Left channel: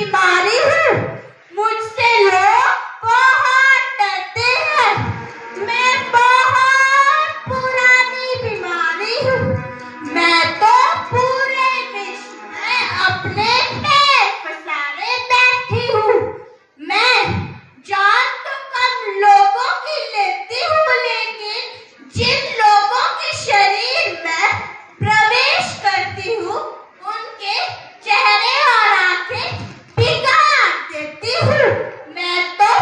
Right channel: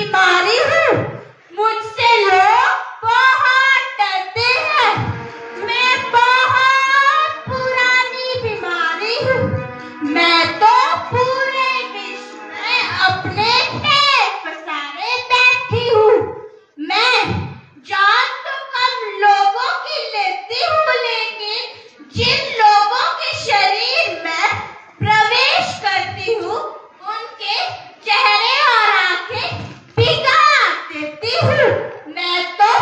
बीमारी हूँ। मुझसे लोग बहुत डरते हैं। मैं बहुत पुरानी बीमारी हूँ। मैं तो पूरे विश्व में अपने पैर पसारे बैठी हूँ। मैं जान तो कम लोगों की लेती हूँ, लेकिन जिन लोगों के शरीर में प्रवेश करती हूँ उनके चेहरे और आंखें बिगाड़ देती हूँ। मैं तो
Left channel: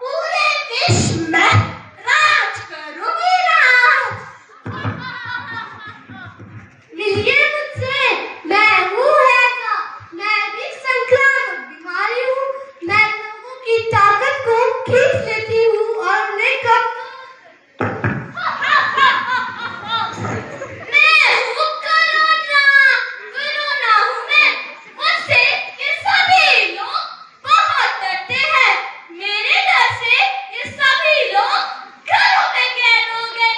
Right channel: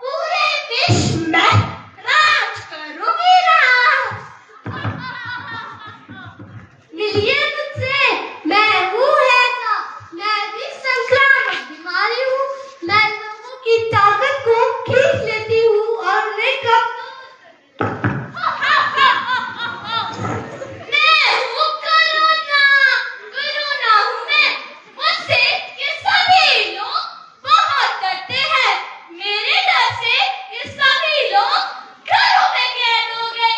पूरे विश्व में राज करूंगी राज। मिलिए मुझसे, मैं हूँ हैजा। मैं भी संक्रामक बीमारी हूँ। मैं लोगों की ताकत को खींच लेती हूँ और उन्हें कमजोर मैं हूँ कोरोना। कोरोना हूँ मैं। मुझसे ये सभी लोग बहुत डरते हैं। मेरे डर से ये सभी लोग घरों में कैद हो गए।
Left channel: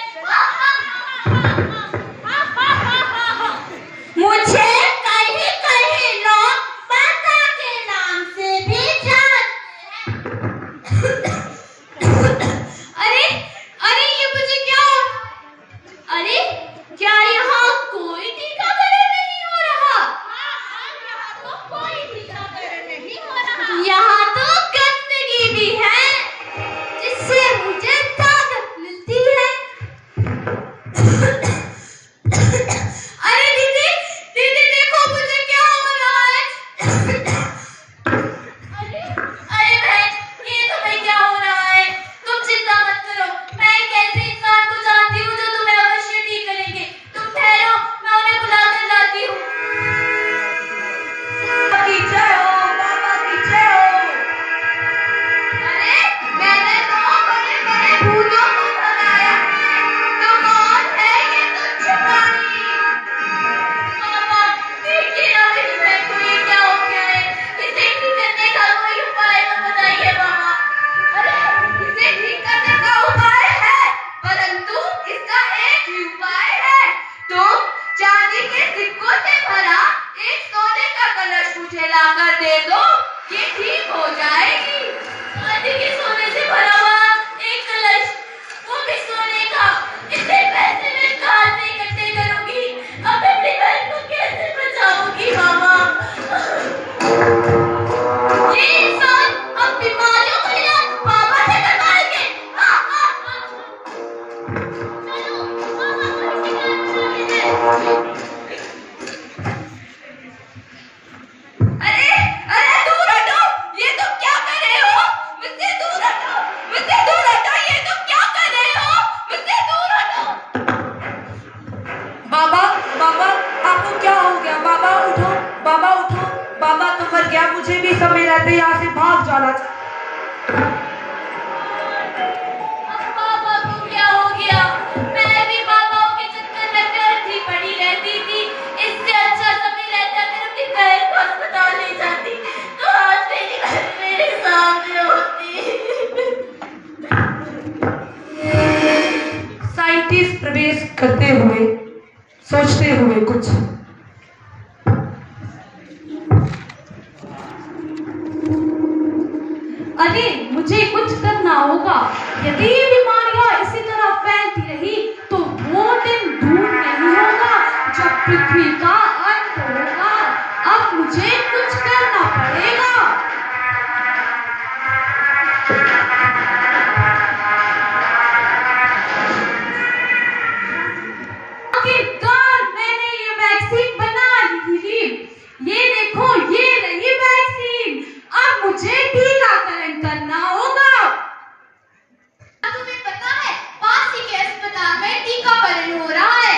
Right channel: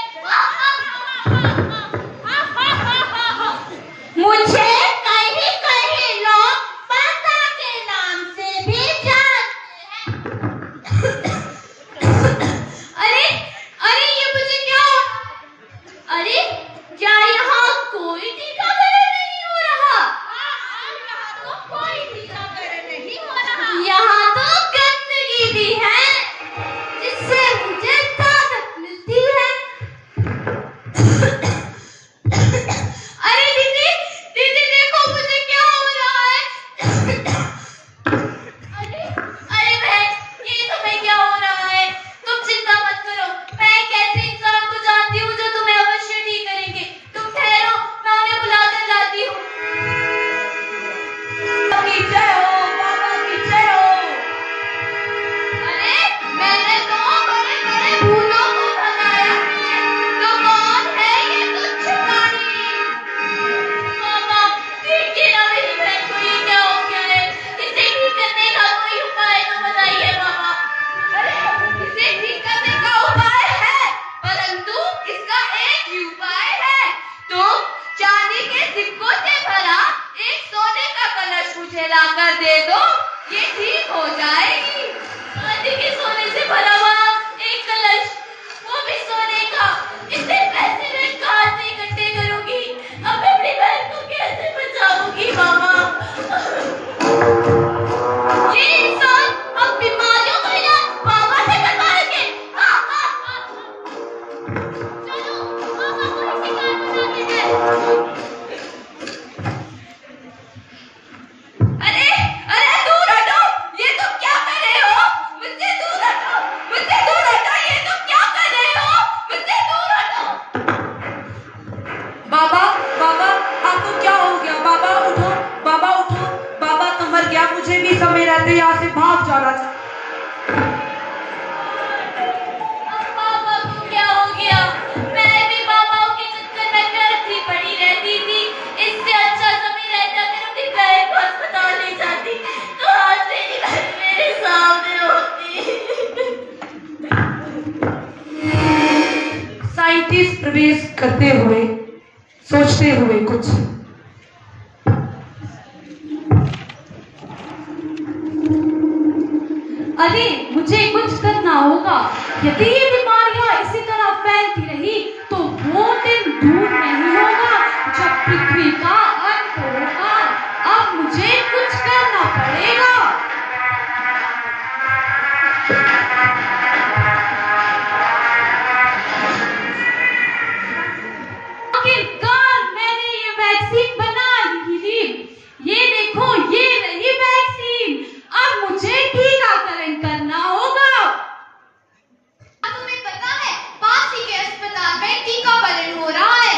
मुझे कहीं कहीं लोग पापा के नाम से भी जानते हैं। अरे अरे ये मुझे क्या हो रहा है? अरे क्या यहाँ कोई टीकाकरण नहीं हो रहा? हाँ, यहाँ तो कोई टीकाकरण नहीं हो रहा। यहाँ तो गंदगी भी है जिससे मुझे ताकत मिलती है। अरे दीदी दीदी देखो मुझे क्या हो रहा है। अरे अरे बहन ये तुम्हें क्या हो रहा है? तुम चिंता मत करो। मैं एक ऐसे इंसान को जानती हूँ जो तुम्हें अवश्य ठीक करेंगे। तुम ठहरो, मैं उन्हें बुला कर लाती हूँ। पीछे हो बाबा, पीछे हो। अरे मैंने तो बड़े बड़े भूतों को भगाया है। तो कौन है ये तुच्छ प्राणी? बाबा देखिए ना मेरी बहन को ये क्या हो गया है। इसे ठीक करने का कोई उपाय तो बताइए बाबा। अरे इसे ठीक करने का उपाय है, परंतु इसका एक ही उपाय है। तुम चांदी के सिक्कों से भरा एक सोने का कलश मुझे लाकर दे दो, ये ठीक हो जाएगी। चांदी के सोने से भरा हुआ एक कलश, वो भी सोने का। इतने पैसे मैं कहाँ से इकट्ठे करूंगी? अब अपनी बहन को कैसे बचाऊंगी मामा? ये इंसान अब बीमारियों का इलाज मामा से करवाएंगे। चलो मामा को ही शिकार बनाते हैं। अरे अरे दूर हटो, ये तुम क्या कर रहे हो? मुझसे दूर हटो, मुझसे दूर हटो, ये तुम क्या कर रहे हो? मुझसे दूर हटो। बाबा बाबा आपको क्या हो गया? बाबा उठो, बाबा उठो। बाबा तो मर गया, मुझे भी समय रहते यहाँ से भाग जाना चाहिए। अब पापा को क्या हो गया? मैं भी पापाओं के चक्कर में करती पड़ी रहती थी। इससे अच्छा समय रहता अगर अपनी बहन को अस्पताल ले जाती, तो आज मेरी बहन मेरे सामने होती। साइंटिस्ट प्रवेश करते हुए सोचते हुए कुछ अरे मुझे कुछ करना होगा। यदि ये बीमारियां इसी तरह फैलती रही तो वो दिन दूर नहीं होगा जब पृथ्वी का अंत होगा। अब मुझे कुछ करना पड़ेगा। आखिरकार मैंने ये वैक्सीन बना ली थी। ये देखो, ये रही वैक्सीन। अब मुझे टीकाकरण करना होगा। तुम्हें पता है पास ही के अस्पताल में टीकाकरण हो रहा है।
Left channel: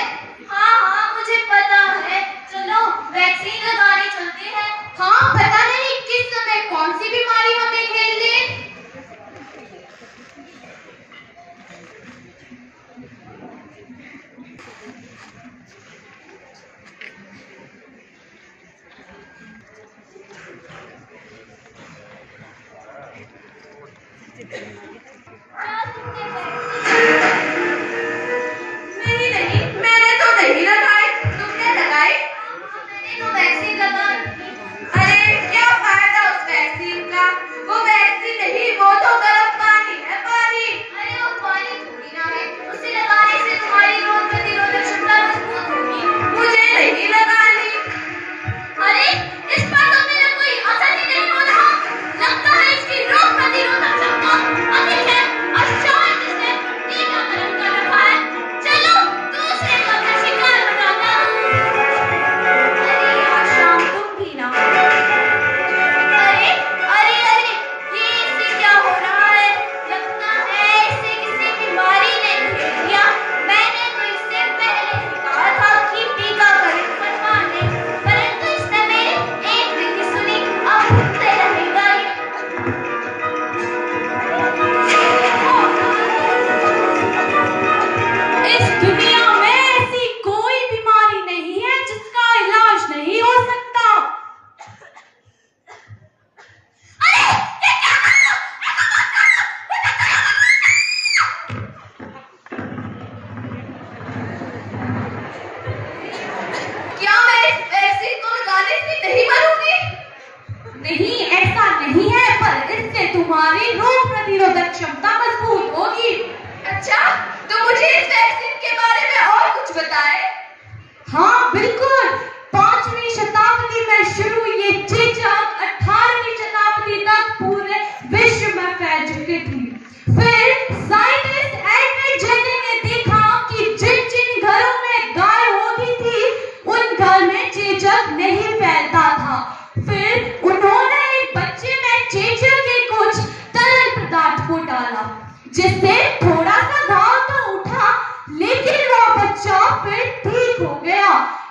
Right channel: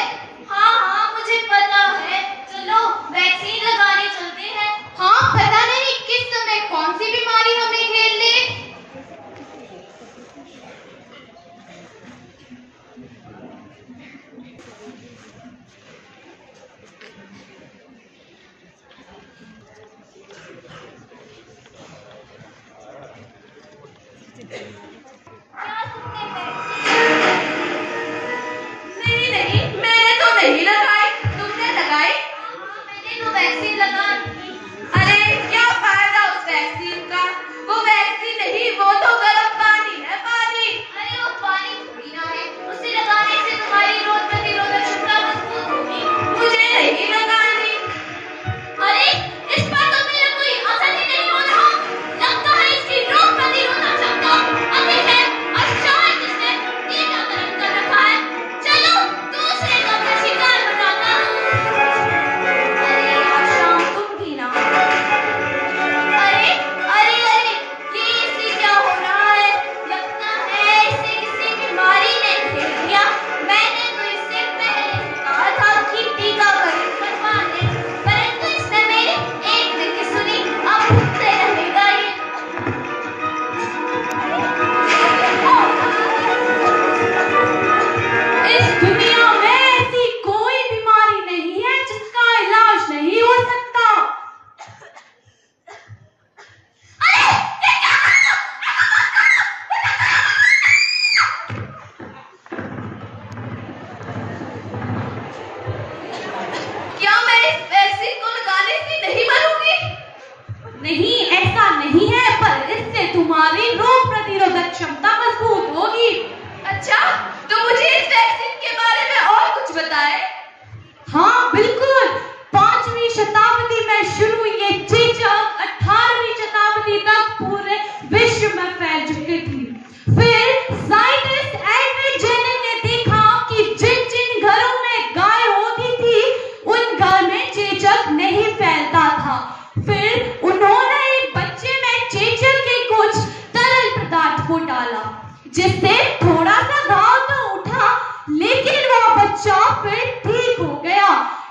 हाँ हाँ मुझे पता है। चलो वैक्सीन लगाने चलते हैं। हाँ पता नहीं किस समय कौन सी बीमारी हमें घेर ले। नहीं नहीं, मैंने तो नहीं लगाई। तुमने लगाई? मैंने तो वैक्सीन लगा दी। अरे क्या फायदा उस तक पूरे विश्व में फैल चुकी थी। फिर साइंटिस्ट एडवर्ड जेनर ने देखा कि जिन जिन घरों में गाय होती थी उन घर में चेचक नहीं फैलता था। फिर उन्होंने एक बच्चे में चेचक के कुछ तरल पदार्थ को डाला, जिससे थोड़ा सा घाव तो उठा, लेकिन वह बच्चा फिर ठीक हो गया।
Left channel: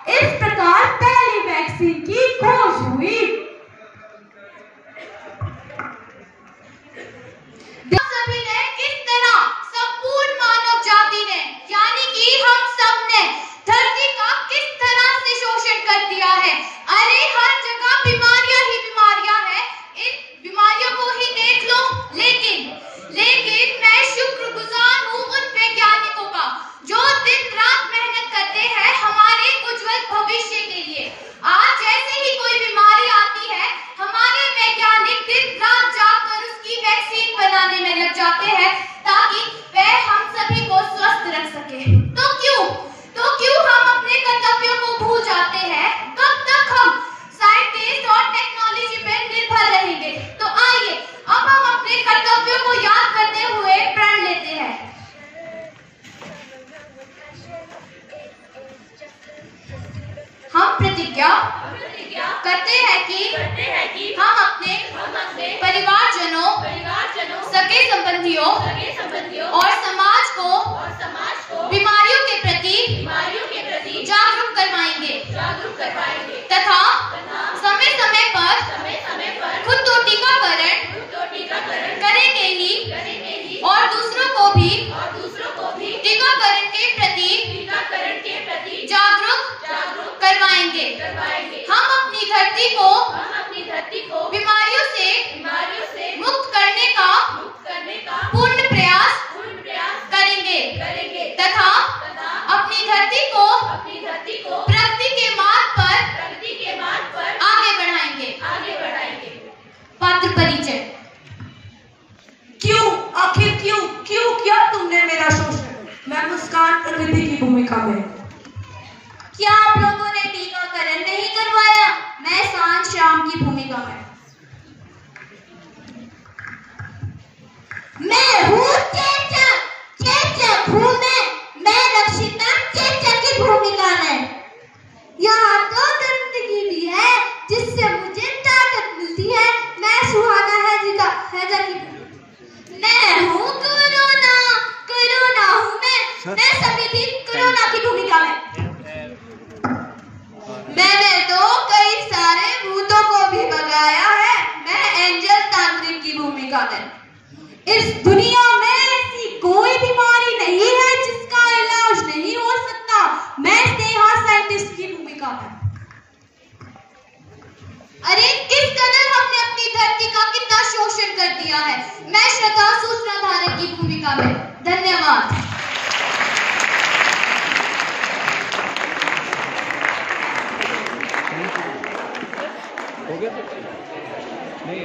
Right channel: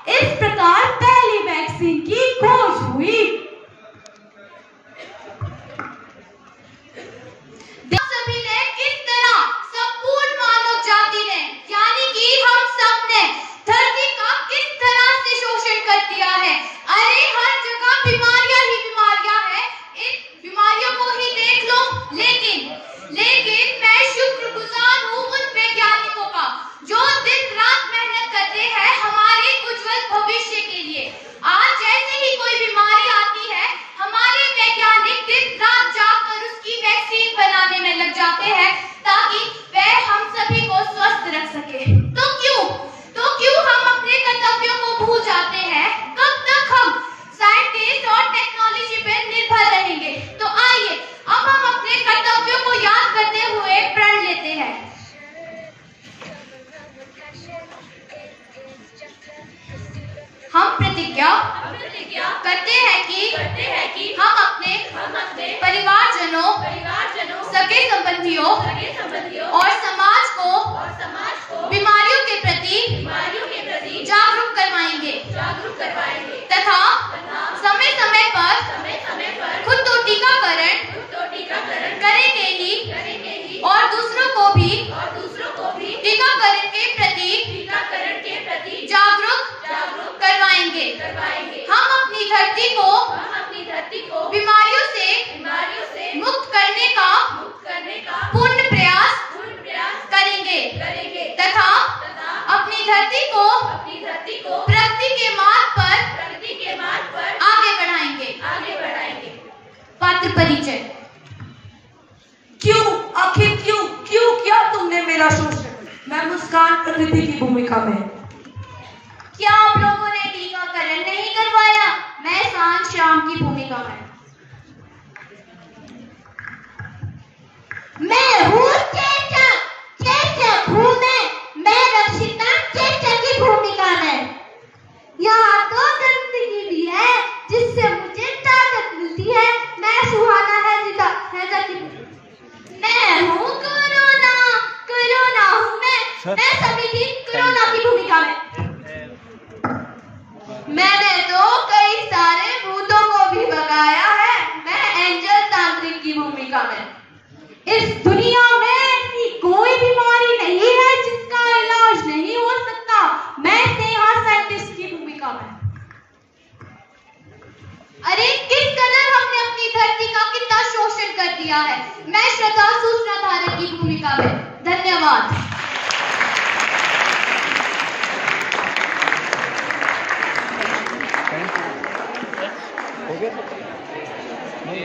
इस प्रकार पहली वैक्सीन की खोज हुई। सभी ने किस तरह संपूर्ण मानव जाति ने, यानी कि हम सब ने धरती का किस तरह से शोषण कर दिया है। अरे हर जगह बीमारियां ही बीमारियां हैं, इन बीमारियों को ही देख लो। लेकिन मैं शुक्रगुजार हूँ उन वैज्ञानिकों का जो दिन रात मेहनत करते हैं हमारे उज्जवल भविष्य के लिए। आज जैसे ही कोई बीमारी आती है, हमारे वैज्ञानिक दिन रात जागकर उसकी वैक्सीन बनाने में लग जाते हैं ताकि वह हम सभी को स्वस्थ रख सके। तो क्यों हम अपने कर्तव्यों को भूल जाते हैं? कब तक हम साइंटिस्ट और टेक्नोलॉजी पे निर्भर रहेंगे? तो आइए अब हम अपने कर्तव्यों को याद करते हुए प्रण लेते हैं। हम प्रतिज्ञा करते हैं कि हम अपने परिवारजनों, सगे संबंधियों और समाज को बीमारियों के प्रति जागरूक करवाएंगे तथा समय समय पर खुद तो टीकाकरण करेंगे ही और दूसरों को भी टीकाकरण के प्रति जागरूक करवाएंगे। हम अपनी धरती को बीमारियों से मुक्त करने का पूर्ण प्रयास करेंगे तथा अपनी धरती को प्रगति के मार्ग पर आगे बढ़ाएंगे। पात्र परिचय। आखिर क्यों किया तुमने मेरा शोषण? मैं मुस्कान प्रकृति की भूमिका में। क्या आप लोगों ने टीकाकरण नहीं करवाया? मैं सांझ शाम की भूमिका में। मैं हूँ चेचक हूँ मैं रक्षिता चेचक की भूमिका में। यहाँ तो गंदगी भी है जिससे मुझे ताकत मिलती है। मैं सुहाना हैजा की। मैं हूँ कोरोना हूँ मैं सभी की कोरोना की भूमिका में। मैंने तो कई सारे भूतों को भी भगाया है। मैं एंजल तांत्रिक की भूमिका में। इस दुनिया में ऐसी कोई बीमारी नहीं है जिसका इलाज नहीं हो सकता। मैं स्नेहा साइंटिस्ट की भूमिका में। अरे किस कदर हमने अपनी धरती का कितना शोषण कर दिया है। मैं श्रद्धा सूचनाधारक की भूमिका में। धन्यवाद। हो गया तो नहीं,